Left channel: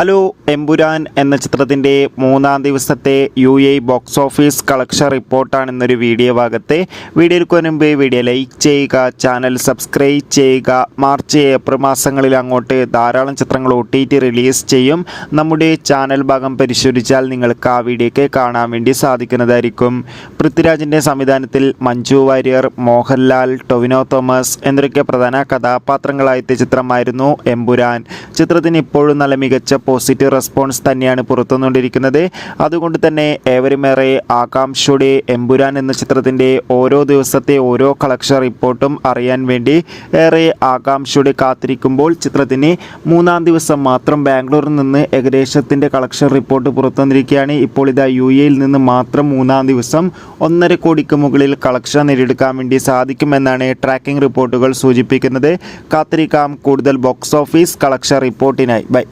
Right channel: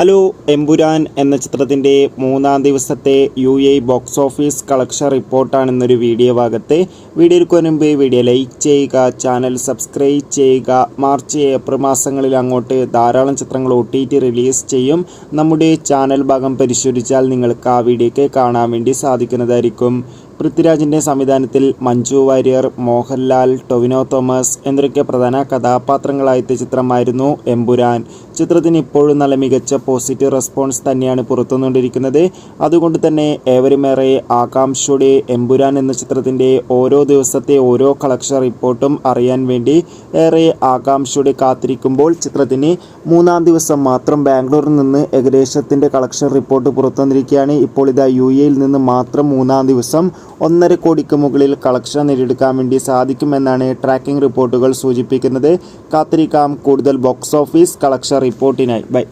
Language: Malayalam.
ഹലോ, എമ്പുരാൻ എന്ന ചിത്രത്തിൻ്റെ മൂന്നാം ദിവസത്തെ UAE ബോക്സ് ഓഫീസ് കളക്ഷൻ റിപ്പോർട്ടാണ് ഇന്നൊരു വീഡിയോ ഭാഗത്തെ. വീഡിയോയ്ക്ക് മുൻപ് വീഡിയോ ലൈക്ക് ചെയ്യുക, ചാനൽ സബ്സ്ക്രൈബ് ചെയ്യുക. മാർച്ച് ഏപ്രിൽ മാസങ്ങളിൽ അങ്ങോട്ട് ധാരാളം ചിത്രങ്ങൾ OTT റിലീസ് ചെയ്യും. നമ്മുടെ ചാനൽ ഭാഗം പരിശോധിച്ചാൽ നിങ്ങൾക്ക് ആ വീഡിയോയ്ക്ക് കാണാൻ വേണ്ടി സാധിക്കുന്നതായിരിക്കും. പൃഥ്വിരാജിൻ്റെ സംവിധാനത്തിൽ മഞ്ജു വാര്യർ, മോഹൻലാൽ, ടൊവിനോ തോമസ് എന്നിവരൊക്കെ പ്രധാന കഥാപാത്രങ്ങളായെത്തിയ ചിത്രമായിരുന്നു എമ്പുരാൻ. ചിത്രത്തിന് ഇപ്പോഴും നല്ല മികച്ച പോസിറ്റീവ് റെസ്പോൺസ് തന്നെയാണ് പുറത്തുവന്നുകൊണ്ടിരിക്കുന്നത്. അതുകൊണ്ട് തന്നെ ഏവരുമേറെ ആകാംക്ഷയോടെ എമ്പുരാൻ എന്ന ചിത്രത്തിൻ്റെ ഓരോ ദിവസത്തെ ഓരോ കളക്ഷൻ റിപ്പോർട്ടും അറിയാൻ വേണ്ടി ഏറെ ആകാംക്ഷയോടെ കാത്തിരിക്കുമ്പോൾ ചിത്രത്തിന് മൂന്നാം ദിവസം മാത്രം ബാംഗ്ലൂരിൽ നിന്ന് ഏകദേശത്തിൻ്റെ കളക്ഷൻ റിപ്പോർട്ട് പുറത്തുവന്നിരിക്കുകയാണ്. ഇപ്പോൾ ഇതാ UAEയിൽ നിന്ന് മാത്രം മൂന്നാം ദിവസം 1.5 കോടിക്ക് മുകളിൽ കളക്ഷൻ നേടിയെടുക്കാൻ വേണ്ടി സാധിക്കുമെന്നാണ് ട്രാക്കിംഗ് റിപ്പോർട്ടുകൾ സൂചിപ്പിക്കുന്നത്. കാത്തിരിക്കാം കൂടുതൽ ബോക്സ് ഓഫീസ് കളക്ഷൻ റിപ്പോർട്ടിനായി. ബൈ.